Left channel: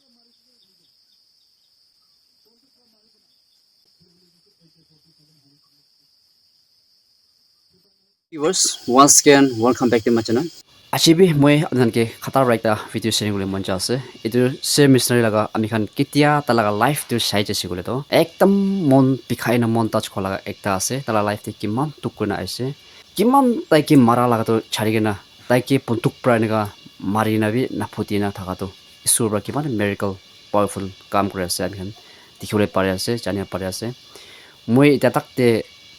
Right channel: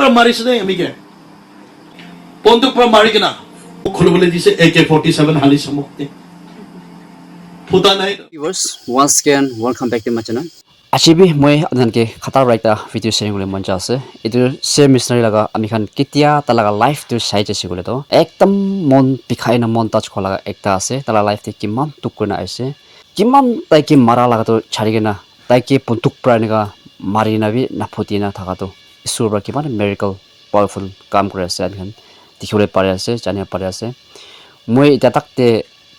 পৰা মাৰিছে দেই আমিকে বন্দুক পৰা মাৰি কিনা খুলিবলৈ দিছে AK-47 হালিছে মোক ফুটা নাই Viewers, once again, welcome back to my channel. Achibi moi adanke khata raita video sharing le monja ase. Itu same missionary laga ami khan kitia talaga life to sai jese gole to ekdam mon pikhai na mon touch khola ekta ase tala life te kiman tukuna aise kiman tai ki mara laga to chari gena tai ki puntuk praniga mari na bi na phutina thaka to isur ba kiman miracle powerful kam kore ase ami khan dikhole pare ase jania pare ase moi eta takte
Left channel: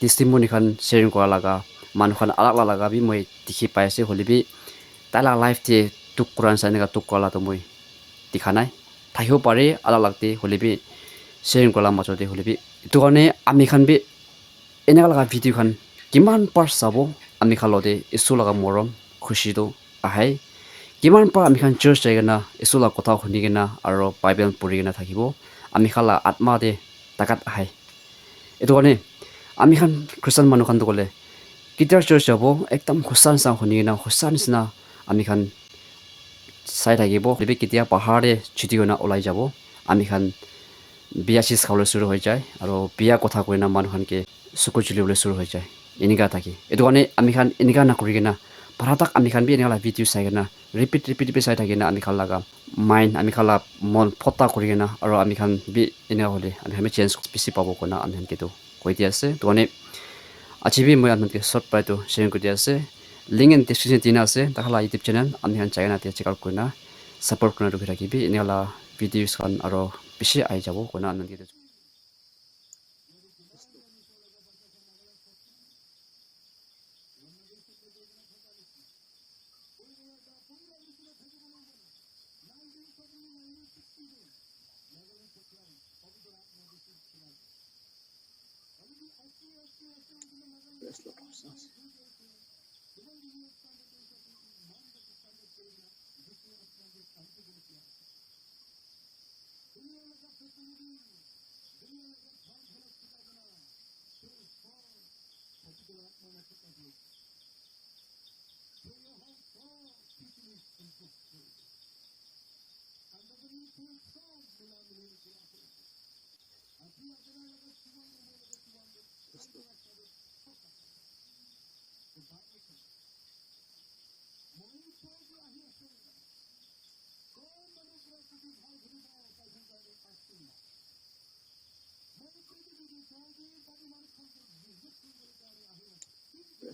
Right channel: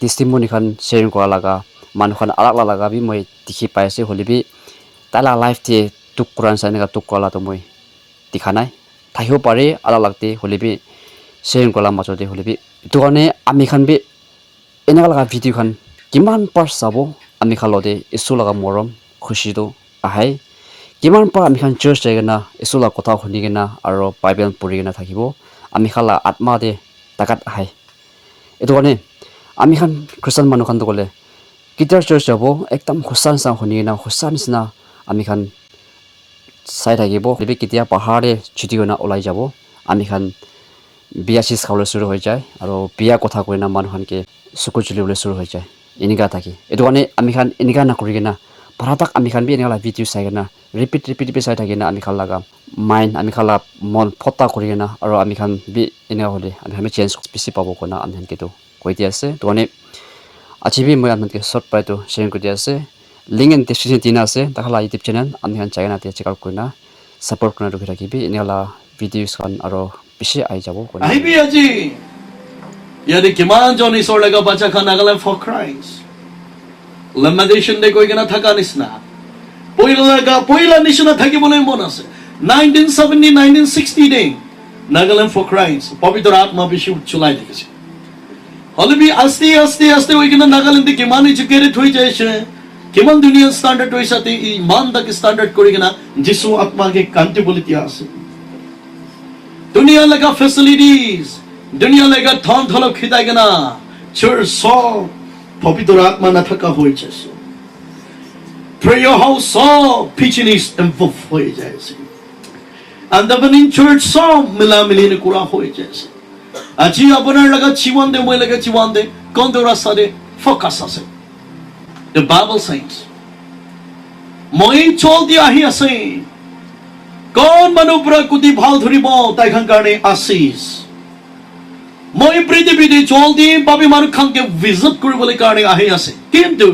testimony khan sharing kora laga manu khan alak laga bi moi dikhi pai ase holi bi tala life te tuk kuran sa nega tuk kola to moi dikhanai thahibo pare alak lagte holi bi sharing kola machote holi bi to kane ami khan bi enaka laga video khan kiman par sabo ami khalode isu laga morom khushi do ahai kiman par ami khan church jaigena isu la kotha khunigena aro bible purigena thakibo ami khala atma de takat ahai eto kane ami khan christian manu khan to gole kitar church jabo ekdam khosan sa khunigena khosan sna ami khan sai thakibo lebi kitia pahare chuti gona olai jabo ami khan biya sis khawle suru hoi jai aro biya kotha koina manu khan ke suku chuli bole suru hoi jai inika thaki eto kane ami khan inika na kurigena paratak ami khan bi enala video sai gena repeat sai thakina ami khan laga mind ami khala mon phota kurigena aro ami khan bi ena hole ami khan change spesi pabo kona ami khan keto koiti ase to kane achibi moi ami ke short pai to sharing koti ase link and description tina ase takhala youtube channel ami khan chai na te check out korna support korna rukhi rakhibi enala videos khan aro bishi ai jabo kona ai bi aji yadi kiman joni sor laga bacha khan Nagaland for Christ lamentation de koi gena thaka nisna poila nishna thaki bolai mon ase 1970 1960 de Nagaland for Christ pavitra atma bishi chulai dikhiche holibi aste oi gena Nagaland de kiman educated hoi jaise kiman dunia standard hoi sate iman dak standard kori gena jisu atma ke kanti boliti ase dunia laga facilities dunia laga thon tholo khitai gena church so pavitra atma na thaka hoi jaise prayer house so pitchinis involved hoi jaise and the in church so milamili ne kura hoi jaise aji abonar laga chiwan de moi laga chiwan de kondora sare focus ase the bible says moi chol dia hi ase kon manu pura kuti bhal dhuribo tai khan karne asis moi prithvi de chol di babi manu khan ke visit koribole karne ahi ase kintu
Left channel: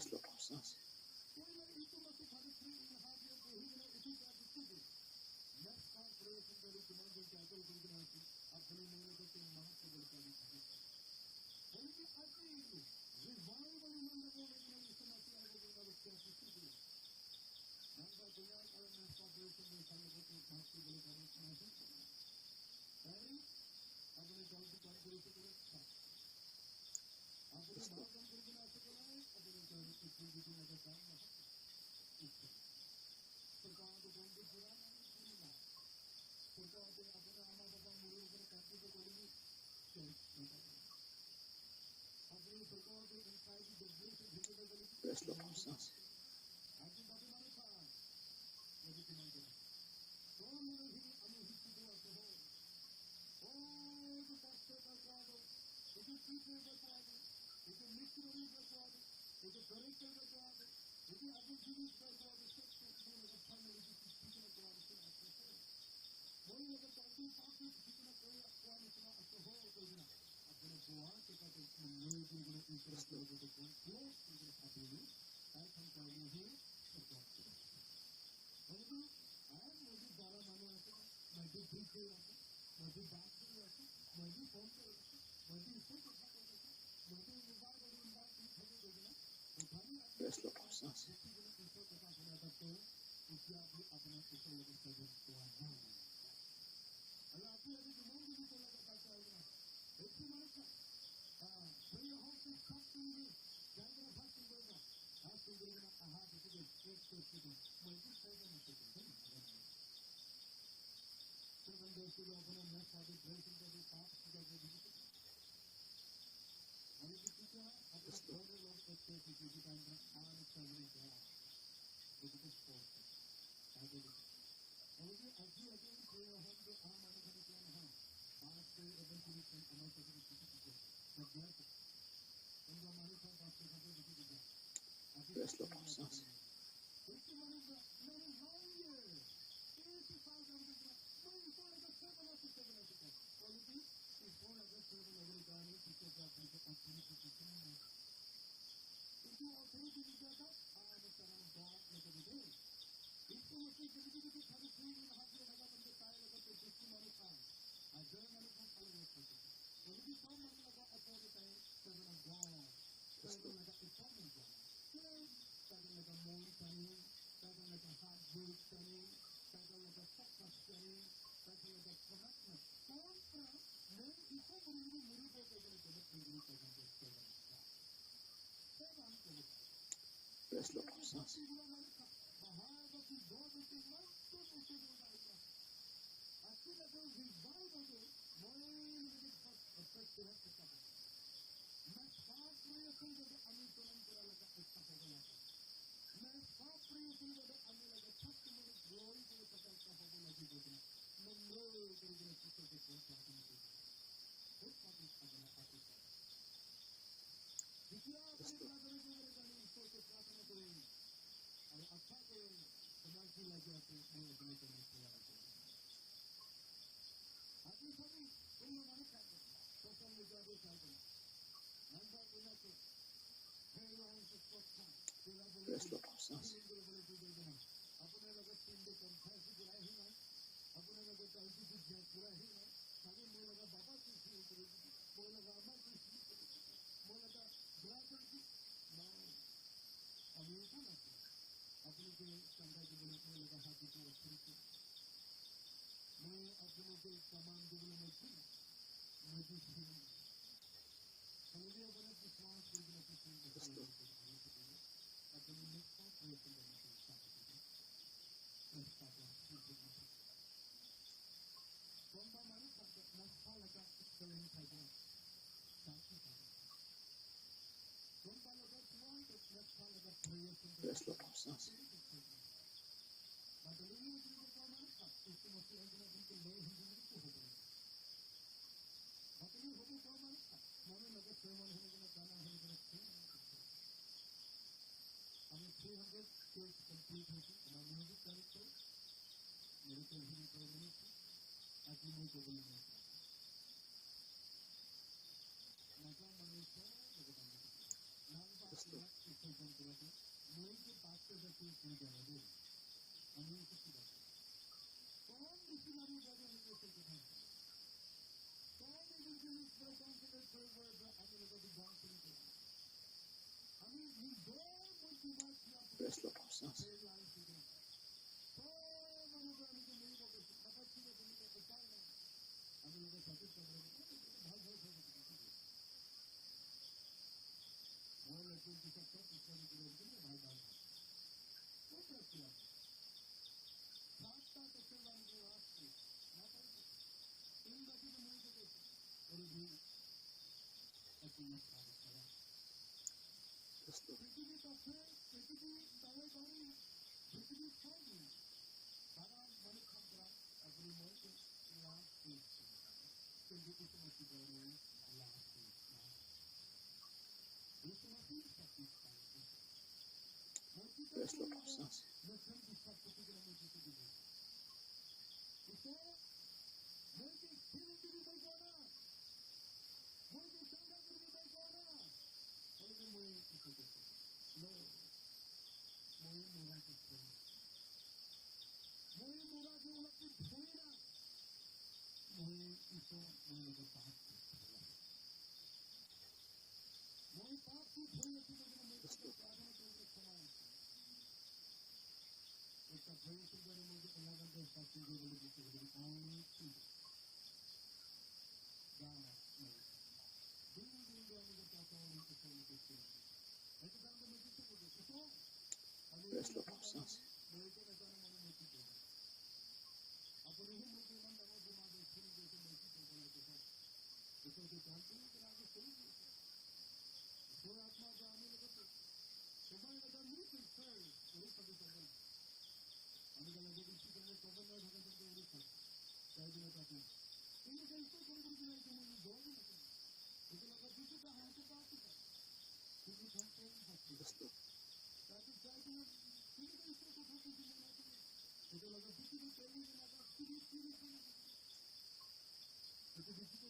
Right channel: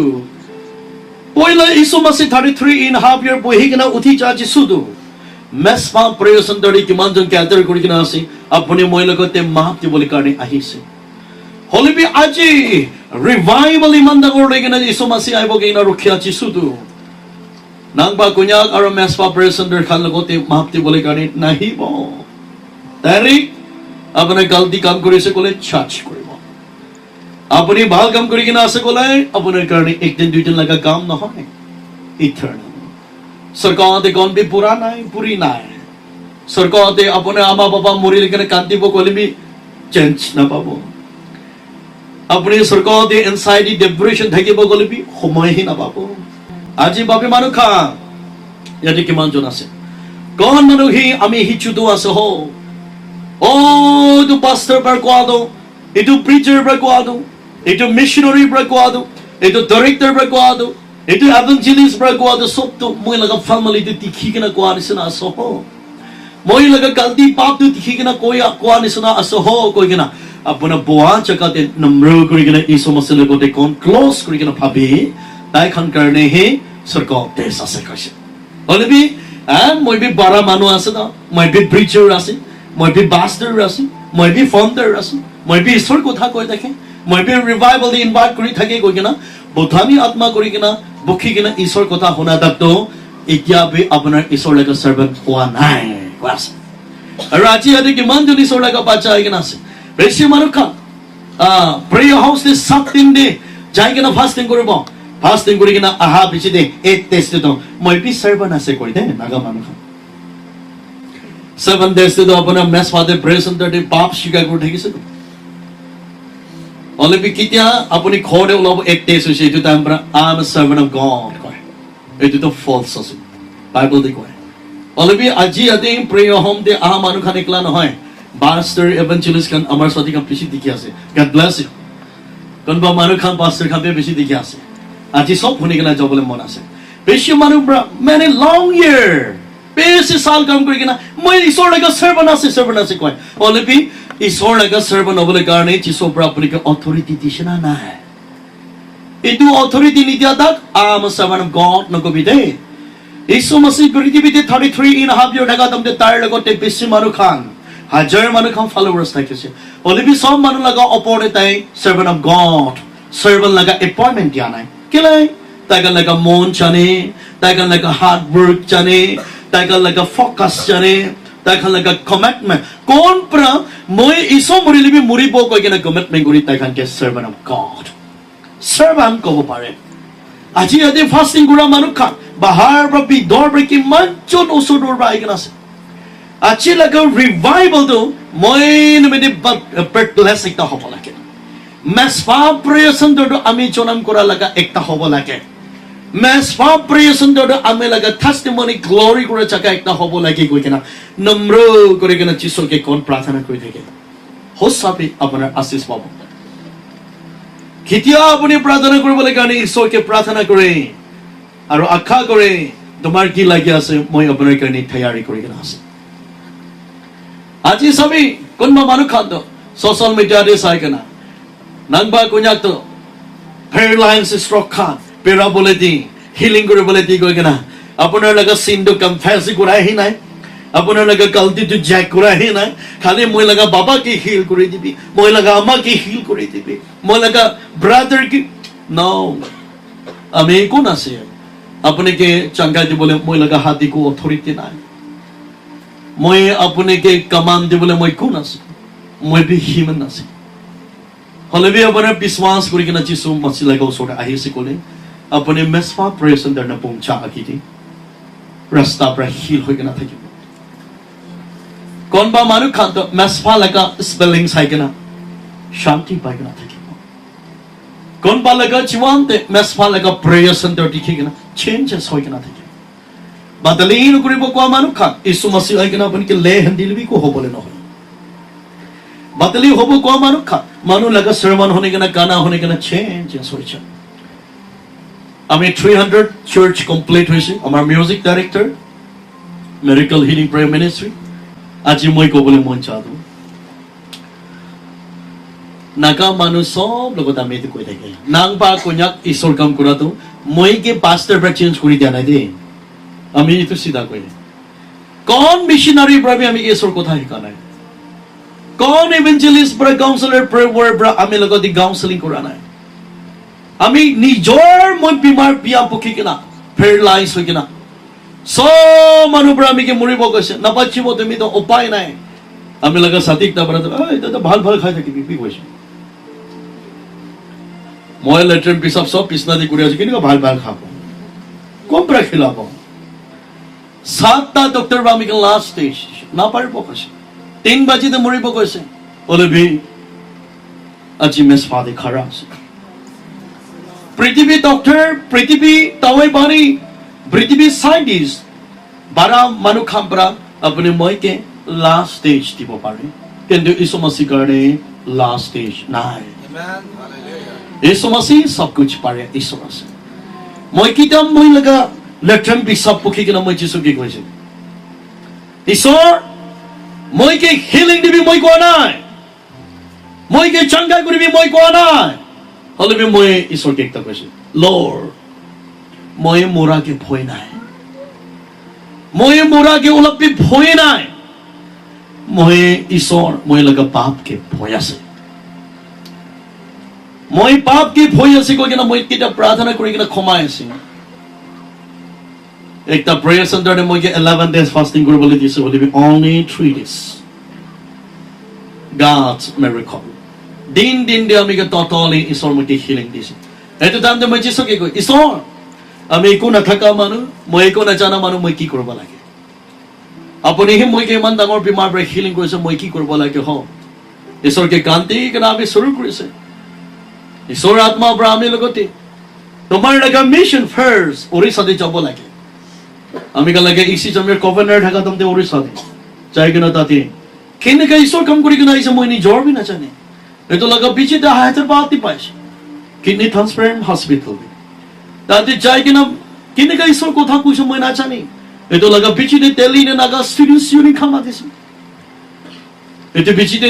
poila isu masi 33.5 year bohi kena uthi chaji sudu mespa prayer sandari kiman jon gather kori kena ase apni moi logote mahapti bole karne ahi se holibi aji revival imanda gorde kena isu masi aibo keina rukhya chi sudu nangba kunyak aro mespa prayer sandar khan logote mahapti bole karne nahi bo tari apne galti kam korise kole church koribo apni bhal kam kori kena ase kole apne karne ek din dui din laga kam na hoy eternal sarkar de gon bi pura nai puri nai sarkar de apne ama baba mori lekene kanti bo kole bi change na pabo apni sarkar de anxiety depression thakibo kole bi homoy hi na pabo aji babe manu kha yadi kiman jon ase kon manu hi ami hi chudu ase ho oh tu pastor barquado itu preacher barquado itu missionary barquado itu director barquado itu evangelist barquado sob to moi laga family de tikhi kena kwani sina aso ho moi laga galti pap tu tikhi kena koya kwani sina aso ho koi kena apuna boa chakate namro kori kena iso masale ko de kon close kori kena bhabi tai khan karne he sarkar de sase kaise holibi and moi bi bara manu ase da moi bi preacher ase moi bi pastor ase moi bi founder ase moi bi isor kotha koi dekhe moi bi revival de invite kori thake koi kena bodhani atma kori kena bukhi kena isor kotha hona dakto etya bi apnar isor laga servant hoa nai was araji ade ki man joni isor laga bacha ai kena ase beshi manukha prayer house de 7 din de jai kena fasting koribo fasting kori kena aha bichi de et test to moi bi servant ase koi de naga manukha 7 days to apna mess father prayer center de pap shiga ko theki se only be kitia apuni khode ulabo ek days hoise etu time pra I am a servant of God koi etu to false ase bible de koi অলপি আজি ইয়াতে প্ৰেয় home দে আহা মানুহ খান একলা নহয় pastor এভাঞ্জেলিষ্ট খান আমাৰ সাথে কাম বেছি দেখি আছে গড ব্লেছ ইউ কোনবা মানুহ খান পাষ্টাৰ খান বেছি দেখি আছে আজি সব শুনি কিনা যাবলৈ মন আছে বেছি মানুহ মানে লং ইয়াৰ বেছি সাল কাম কৰি কিনা মই ঈশ্বৰ লগা সাৰ্ভেন্ট আছে কয় অলপি ঈশ্বৰ লগা সাৰ্ভেন্ট হ'বলৈ কাৰণে যিছৰ পৰা আপোনাক অথৰিটি দিছে না নাই এইটো অথৰিটি নিদিয়া তাক আম সাৰ্ভেন্ট অফ গড নকবি দেই Isu masih prithibiতে 33.5 year daga tamte tar lagote beshi manu khan hajar manu khan followers thakiছে olibi sob manu laga opore tai servant of god servant laga appointment dia nai kelai taga laga mon chane taga laga hard work chane taga laga focus chane taga laga commitment kon pra moi iso murilibi muribo koi kena commitment guri taga ke servant of god servant kobo pare আজি ইয়াতে fasting কৰা মানুহ খান বাহাৰ পৰা বিদৰ পৰা কিমানজন ওচৰৰ পৰা আহি আছে আজি লাগে ৰিভাইভেলটো মই নিমিত্তে প্ৰেক্টিছ এটা হ'ব লাগে মেছফা প্ৰেজেণ্টটো আমি জনাম কৰা লগা একটা হ'ব লাগে মেছফা প্ৰেজেণ্টটো আমি লগা টেষ্টিমনি গ্লৰি কৰা জাগা একটা হ'ব লাগে গৈ কিনা নম্ৰ কৰি কিনা যিছুকে কোন প্ৰাৰ্থনা কৰি থাকে হোসাবি আপোনাৰ আশীষ পাব কেতিয়া আপুনি প্ৰাৰ্থনা কৰিবলৈ কাৰণে ঈশ্বৰকে প্ৰাৰ্থনা কৰে আৰু আশা কৰে তোমাৰ কি লাগি আছে মই আপোনাৰ কাৰণে তৈয়াৰী কৰি কিনা আছে আজি সবই কোনবা মানুহ খাদ্য সোশ্যাল মিডিয়াতে চাই কিনা নাংবা কুኛকটো হেয়াৰলাইন্স ষ্ট্ৰক খান পেৰাবলৈ দি হিলিং কৰিবলৈ দি গৈ কিনা আপোনাৰ লগা চিনটো কনফেছ কৰাহি নাই আপোনাৰ লগা গলতিটো জেক কৰাহি নাই খালি মই লগা বাবাকে হিল কৰি দিবি মই লগা আমাকে হিল কৰি দিবি মই লগা ব্ৰাদাৰ কি নো আমি কোন আছে আপোনাকে চাংগা দিবলৈ মই লগা হাতিকো অথৰিটি নাই মই আপোনাকে কমান্ড দিবলৈ মই কোন আছে মই বি হিউমেন আছে হলেবি আপোনাৰ বিশ্বাস কৰি কিনা যিছু মাছি লগা ওচৰত আহিছে ক'লে আপুনি মেছফা প্ৰেজেণ্টাৰ না পৌঁছা আকিদি ৰাস্তা পৰা হিল হৈ কিনা থাকিব কোনবা মানুহ খান তো মেছফা লগা স্পেলিং চাই কিনা শান্তি পাই কিনা থাকিব কোনবা লগা জীৱান্তে মেছফা লগা প্ৰেয়াৰ চেণ্টাৰ দেখি কিনা চেঞ্জেছ হৈ কিনা থাকিব বাদলিন কৰিব কোৱা মানুহ খান ইছু মাছি হৈ কিনা আপুনি লে হেন্দিলবি কো হ'বলৈ নহয় বাদলি হ'ব কোৱা মানুহ খান মানুহ লগা sermon হ'নে কিনা গানা হ'নে কিনা চেঞ্জেছ হৈছে আমি 300 চাৰ্চ কমপ্লিট হৈছে আমাৰ music director medical healing prayer ministry আজি মই ক'বলৈ মন চাওঁ নাগা মানুহ সব লগত আমি এইটো কৈ থাকে নাংবা কন্যাক ঈশ্বৰ কাম কৰাটো মই কি পাষ্টাৰ পৰা চেঞ্জ কৰি দিয়া নাই দেই আমি এইটো চিধা কৰিলে কোন মিছনাৰীৰ পৰা আমি ঈশ্বৰৰ কথা শিকা নাই কোন ইভেঞ্জেলিষ্ট পৰা কাউন্সিলৰ পৰা আমি লগত কাউন্সিলিং কৰা নাই আমি নিজৰ মই বিমাৰ বিয়া পকি কিনা পেৰালাইজ হৈ কিনা সব মানুহ পৰা আমি কি মৰিব গৈছে নাপাচিব তুমি তো উপায় নাই আমি লগা সাতিক তাৰ পৰা এটা ভাল ভাল খাই থাকিবি কি কৈছে মই লেট্ৰিন পিছাব সব পিছনা দি কৰি আছো কেনেকুৱা ভাল ভাল খাব কম পৰা খিলাব 7টা ডক্টৰ বা আমি লাষ্ট ষ্টেজ নাপাৰিব কৈছে 3 বাজিতে মৰিব কৈছে অলবি আজি মেছফা দি খাৰা আছে পৃথিৱী ডক্টৰ পৃথিৱী তাৱাই বাণী পৃথিৱী সাইন্টিষ্ট বাৰা মানুহ খাম পৰা আপুনি মইকে লাষ্ট ষ্টেজ দিব পাৰে কিন্তু ইছু মাসিৰ কাৰণে লাষ্ট ষ্টেজ নাই ইছু মাসি সব কুছ পাৰে ইছু আছে মই কিতাম মই লগা লেট্ৰিন পিছাব পকি কিনা মই যিছু কি কৈছে ঈশ্বৰ মই কি হিলিং দিবি মই কোৱা নাই মই কি চাংগা কৰিবি মই কোৱা নাই হলেবি মই ঈশ্বৰকে একটা কৈছে লৰ্ড মই মোৰাকে ভয় নাই মই মোৰাকে অলপি ভয় নাই মই ঈশ্বৰ মই লগা পাপকে ভয় আছে মই পাপকে ভয় আছে কৈ কিনা মই কিটা প্ৰাৰ্থনা কৰি কিনা ক্ষমাই আছে একটা প্ৰেয়াৰ চেণ্টাৰতে মই 11 days ফাস্টিং কৰিবলৈ দিছে হলিবি only 3 days God's miracle দিন দে আমি totally ঈশ্বৰ মই হিলিং দিছে এটো টাইমতে মই যিছুকে কৈ ঈশ্বৰ আমি একো নাথাকা মানুহ মই একো নাজানা মানুহ মই কি কৰিব লাগে আপুনিহে মই ইমান ডাঙৰ বিমাৰ পৰা হিলিং কৰিছে মই কি কৰিব লাগে হ ঈশ্বৰকে কান্তি কিনা আমি শুৰু কৰিছে ঈশ্বৰ আত্মা পৰা আমি লগতে তোমাৰ লগা মিছন ফাৰ্ষ্ট ওড়িশাতে যাব লাগে আমি কালাগে ইসি জমিৰ গভৰ্ণৰ থাকা তমতে ওড়িশাতে যাই কিনা তাতে কেনেকৈ ঈশ্বৰ কাম কৰি কিনা আহিছে মই নিজৰ বি নাজানে এইটো লগা বিচিতে হায়াতেৰ বাতি পাইছে কিডনি ট্ৰান্সপ্লান্ট হস্পিটেল তাতে যাই কিনা কেনেকৈ ঈশ্বৰ কথা কৈছে মই নাজানে এইটো লগা বিচিতে দিল্লী নে নাগা ষ্টুডিঅ' খামা দিছে এইটো বিচিতে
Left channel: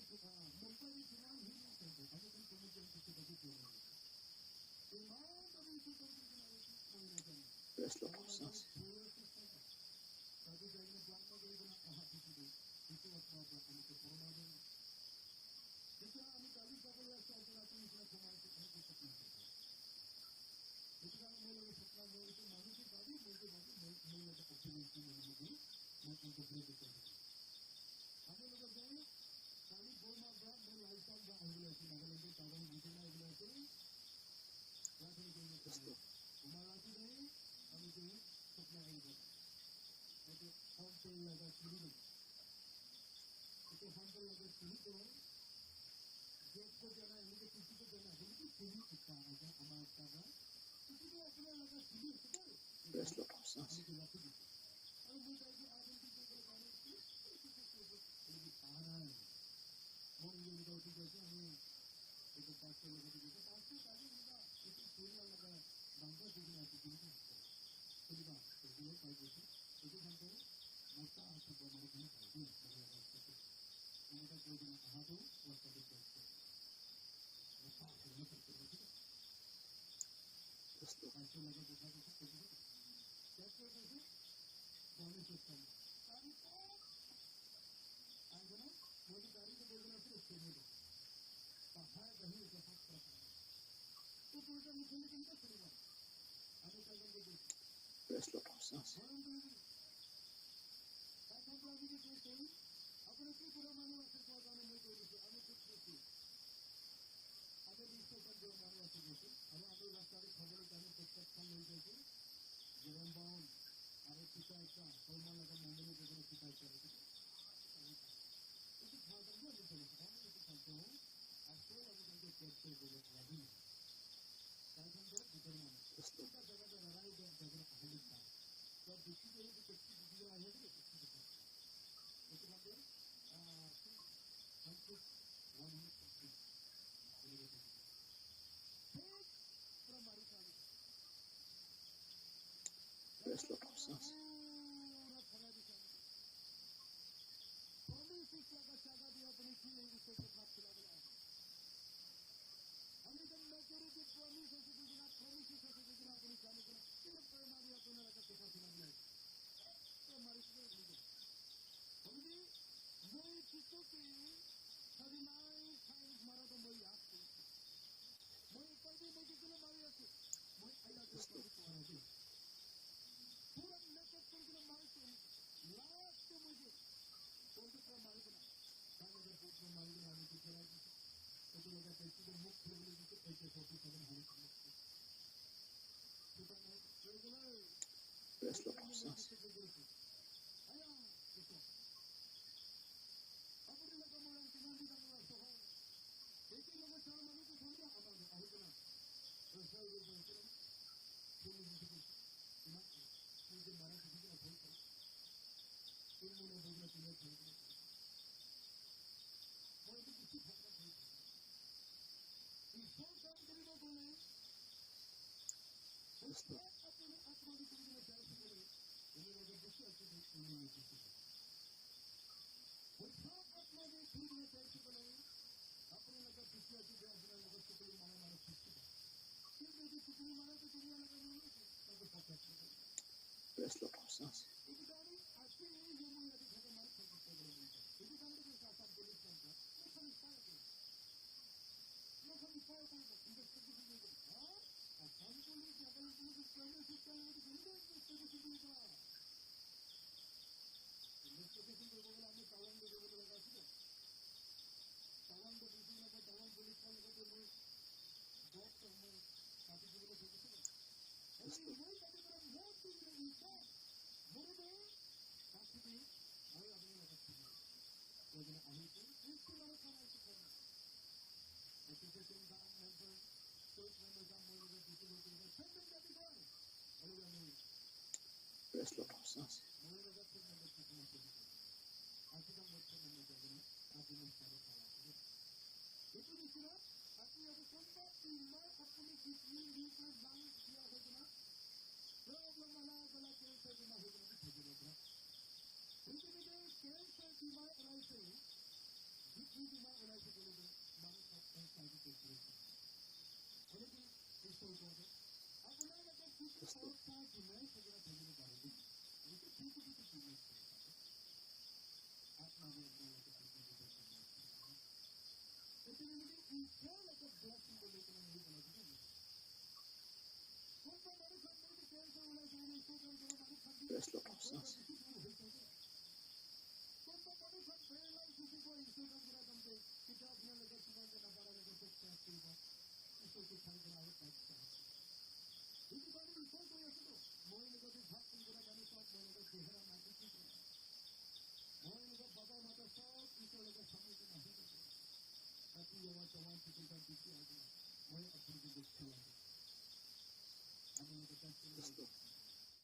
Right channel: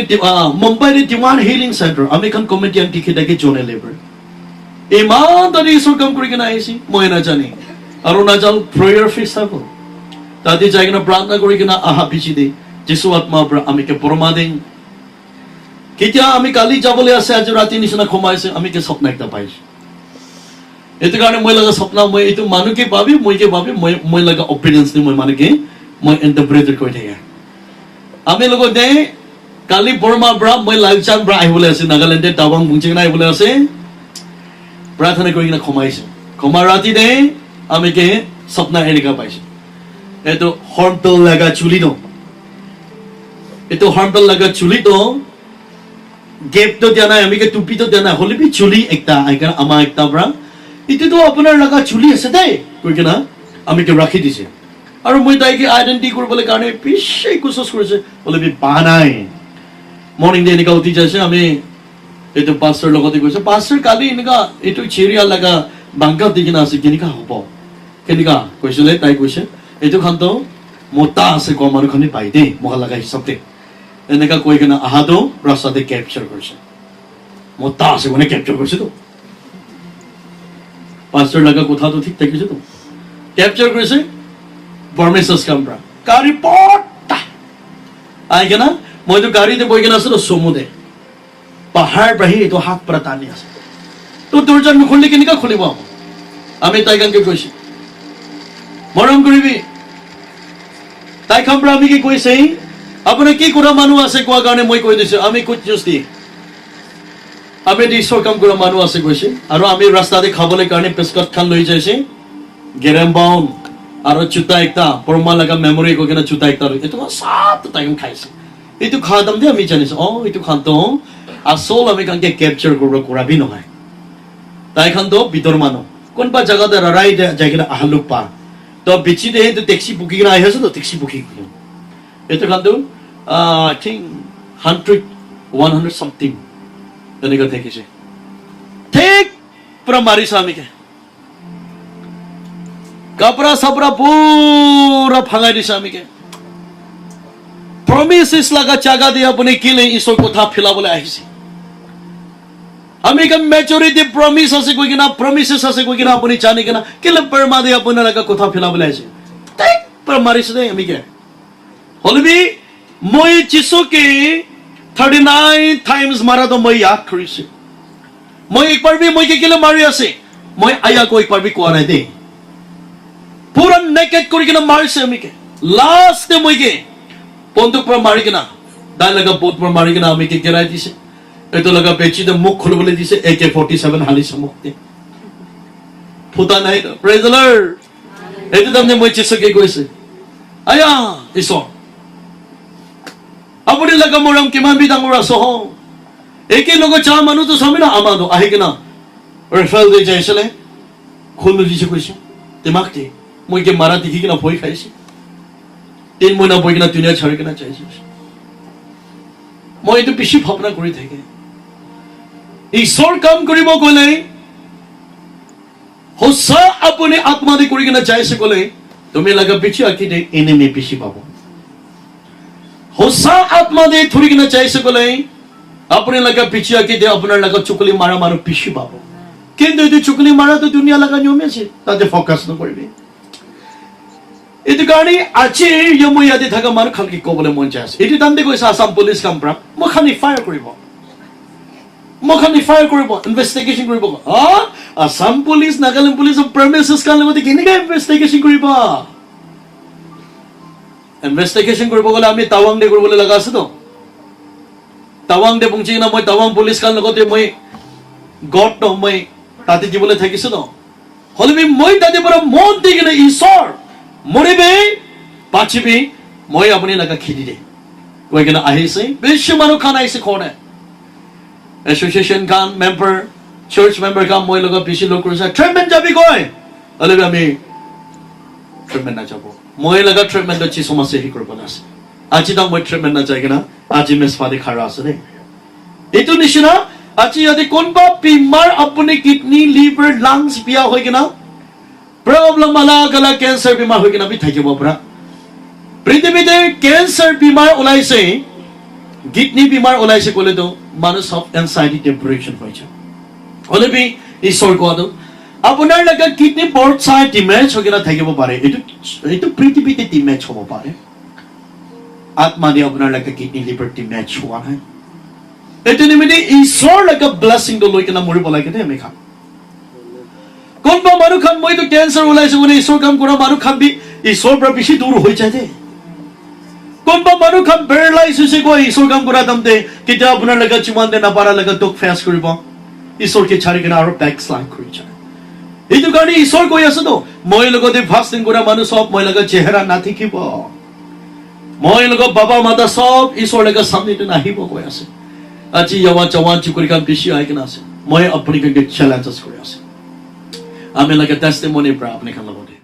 মুম্বাইৰ ডিৱান হিলিং চেণ্টাৰ আমি এখন কমিটি আন টিকেটাকে জনে লেবাৰ ইমান তাতে ঈশ্বৰ কাম কৰি কিনা আহিছে মই নাজানে আৰু নাজানো প্ৰেয়াৰ ফেষ্টিভেল তাতে যাই কিনা প্ৰাৰ্থনা কৰি কিনা আহা বিচিতে যিশু আত্মাৰ পৰা আমি কে পৰমা দিম কেতিয়া আমি কালি যাবলৈ আছে আজি ৰাতি নিচিনা সোমাইছে আমি কে স্বপ্ন একটা পাইছো এইটো কাৰণে মই লগা স্বপ্ন মই এইটো মানুহকে ভাবি মইকে ভাবি মই লগা অপিনিয়ন্স নি মই মানুহকে মই ইন্টাৰপ্ৰেট কৰি থাকে আমি লগত দে কালি বৰ্মা ব্ৰা মই লালচান ব্ৰা আহিবলৈ আছে নাগালেণ্ডে টাৱাং বুঞ্চিনা আহিবলৈ আছে প্ৰাৰ্থনা কৰি কিনা সোমাইছে সোমা ৰাতি দে আমি কে স্বপ্ন এনেকা পাইছো এইটো হৰ্নবেল লগা চুলি ন এইটো হৰ্নবেল লগা চুলি তো গেপ তো দিয়া নাই আমি কে টুপি তো দিয়া নাই হলে বি চুলি একটা আইকার আমা একটা ব্ৰা ইটো আপোনাৰ লগা চুলি আছে দেই কৈ কিনা আমি কে ৰাখি দিছে আৰু মই তাইকে আইডেন্টি কৰিবলৈ কাৰণে পিছে কোশিশ কৰিছে বলে বি পা নাই মৰ্নিং দে এনেকা উঠি যাইছে আমি এইটো পাস্টাৰ লগতে কৈছে পাস্টাৰ কালি এনেকা এইটো চেৰিয়া লগা বাংকা দি কিনা আছে কেনেকা হ'ব কেনেকা কৈছিলে তাই কৈছে এইটো খানটো মোটা আছে কম মানুহখনি পাই দেই মোক লগা হিচাপতে এনেকা কৈ কিনা আহাটো ৰাস্তাতে কেপচাৰ কৰিছে মোটা আছে মানে কেপচাৰ কৰিছে তো পাস্টাৰ লগা কথাটো ঠিক থাকিছে তো কেপচাৰ কৰিছে পাৰমেশ্বৰছ কামৰা গাড়ী পটা আই কিনা মইতো গাড়ীতে বহি কিনা আছিলো চমুদে পাহাৰ বাঢ়ি এইটো হাত পৰা টানি আছে তো দৰ্জা নুখুলিলে কেনেকা খুলিব আমি তাই গানকে কৈছো মৰম কৰিবি তাই খামৰা আমি কি কৈছে আপুনি কি কৰা মানুহ আছে কোৱা কাৰণে মই কৈ দিছো আমি কুছ জুস্তি আমি ঈশ্বৰ কাম কৰা মানুহ আছে কৈছে আৰু আমি ৰাস্তাতে খাবলৈ কাৰণে পেস্কট খান লৈ যাইছে গেৰেম বাউন আৰু চুতা একটা পৰমা লগা মেমৰি কৈ কিনা চুতা একটা এইটো সাত টাইম খাইছে এইটো খাদাম দে আমি জানিছো এইটো খানটো আসল আমি কানকে কেপচাৰ কৰিব কৰাবি নহয় তাই খানটো ভিতৰ মানুহ কোনবা জাগাতে ৰাৰাই যাই কিনা আহলুক পা তো বিচি দে তো টেক্সি বুকি কিনা আহি আছে তো টেক্সি বুকি এইটো খানটো আই থিংক 100 something তেনেকা দেখিছে ঠিক পুৰা মাৰিছে আমিকে কাপড়া সাপড়া পুরা ভাঙাই দিছে আমিকে প্রমিসেস লাগা জায়গা দিয়ে আপনি কিলে ঈশ্বর কথা ফিলাবলৈ আহিছে আমি কে মেজরিটি প্রমিস আছে কই কিনা প্রমিসেস আছে কই কিনা আপনি জানি কিনা কিলে পরমা দিয়ে আপনার লাগা কথা ফিলাবলৈ আহিছে ঠিক পুৰা মাৰিছে দে আমিকে হলবি মই যিশুকে 39 times মাৰা তো মই ইয়াদ কৰিছে মই একবাৰ বি মই কিলে মাৰি আছে মই আয়া কো একবাৰ বি কোৱা নাই দে পুৰা নেকেট কৰি কিনা মাৰিছে আমিকে লাষ্ট মই কে বন্দুক পৰা মাৰি কিনা দাই লগা বহুত পৰা মাৰি কিনা আমিকে গেৰাই দিছে এইটো লগা পেচিতে মুখ খুলিবলৈ দিছে AK-47 হালিছে মুখতে ফুটা নাই প্ৰেজ দ্য লৰ্ড এইটো তাৰমানে মই যিশুকে কৈছে আয়া ঈশ্বৰ আপুনি লগা মৰম কিমান বি ডাঙৰ আছে হ একে লগত যা মানুহটো চামিনা আমাৰো আহি কিনা ৰেফাল দি যাইছিলে খুলি দিছে কৈছে দিমাগতে মই কে মাৰা দেখি কিনা ভয় খাইছে 3 মহিনা বহি কিনা দুনিয়া ছাড়ি কিনা চাইছে মই এইটো বেছি ভাৱনা কৰি থাকে ঈশ্বৰ কাম কৰিব গ'লে সঁচা আপুনি আত্মা দি কৰি কিনা যাইছে গ'লে তুমি লগা পিছি আঁকি দে এনিমি বেছি পাব সঁচা আত্মা দি ধৰি কিনা যাইছে গ'লে আপুনি লগা পিছি আঁকি দে আপোনাৰ লগা চুকলি মাৰা মানুহ বেছি পাব কিন্তু এইটো চুকলি মাৰাটো দুনিয়া লগা নিয়ম আছে তাতে ফ'কাছ নকৰিবি এইটো কাৰণে আজি মই ইয়াতে থকা মানুহ খালকি ক'বলৈ মন যায় আছে এইটো তাতে কৈছে আসাম পুলিচ কাম পৰা মই খালি ফায়াৰ কৰিব ইনভেষ্টিগেশ্যন কৰিব আসাম পুলিচ নাগালেণ্ড পুলিচৰ প্ৰেমিচেছ কাৰণে মতে কেনেকৈ ইনভেষ্টিগেশ্যন কৰিব ইনভেষ্টিগেশ্যন কৰিব গ'লে আমি টাৱাং দে কৰিবলৈ লগা আছে তো টাৱাং দে পहुंची কিনা মই টাৱাং পুলিচ কাৰণ লগতে মই গড ন মই তাতে দিবলৈ থাকিছো ন হলে মই তাতে পৰা মন দি কিনে ঈশ্বৰ মৰিবে বাচিবি মই আপুনি লগা খেদি দে কৈ কিনে আহিছে বেছি মানুহ খান আহিছে খনে এছ'চিয়েশ্যন খান মেম্বাৰ চাৰ্চ মেম্বাৰ কাম মই লগত বেছি লোক কৰিছে ট্ৰেইনমেণ্ট যাবি গৈ হলে আমি ট্ৰিটমেণ্ট নাযাব মই লগা ট্ৰিটমেণ্ট যিছু মাছে হি কৰিব আছে আজি তাক মই ট্ৰিটমেণ্ট নাযায় কিনা আজি মেজপাতি খাৰা আছে দেই এইটো নিচিনা আজি যদি কোনোবা বেমাৰ আপুনি কিডনি লিভাৰ লাংছ বিয়া হৈ কিনা প্ৰব্লেম আলাগ আলাগ কেঞ্চাৰ বেমাৰ হৈ কিনা বি থাকিব পৰা পৃথিৱীতে কেঞ্চাৰ বেমাৰ ওলাইছে কিডনি বেমাৰ ওলাইছে ক'লেতো মানুহ সব এনজাইটি ডিপ্ৰেছন হৈ যায় হ'লেবি ঈশ্বৰ কোৱাটো আপোনাৰ লগা কিডনি বৰ্ড চাই ডিমেজ হৈ কিনা থাকিব পাৰে এইটো পৃথিৱীতে ডিমেজ হ'ব পাৰে আত্মা দি আপোনাৰ লগা কিডনি লিভাৰ ডিমেজ হোৱা নাই এইটো নিমিত্তে ঈশ্বৰ লগা ব্লেছিংটো লৈ কিনা মৰিব লাগে দেই আমি খাম কোনোবা মানুহ খান মইতো কেঞ্চাৰ ওলাইছে বুলি ঈশ্বৰ কাম কৰা মানুহ খান বি ঈশ্বৰৰ পৰা বেছি দূৰ হৈ যায় দেই কোনোবা মানুহ খান পেৰালাইজ হৈছে গৈ ঈশ্বৰ কাম কৰা দামতে কেতিয়া আপোনাৰ লগা যিমান দে নাপাৰা লগা দুখ ফেচ কৰিব ঈশ্বৰকে ছাড়ি কিনা আৰু বেকস্লাইড কৰি যায় এইটো কাৰণে ঈশ্বৰ কৈ আছে তো মই লগতে ফাষ্টিং কৰা মানুহ সব মই লগা চেহেৰা নাথাকিব মই লগা বাবা মাতা সব ঈশ্বৰ লগা সামনেতে নাহিব কৈ আছে আজি জৱান জৱান চুকুৰি কাম বেছি আহি কিনা আছে মই আপুনি কিন্তু চেলেঞ্জেছ কৰি আছে আমি লগা টেষ্টিমনি পৰা আপুনি খান লগতে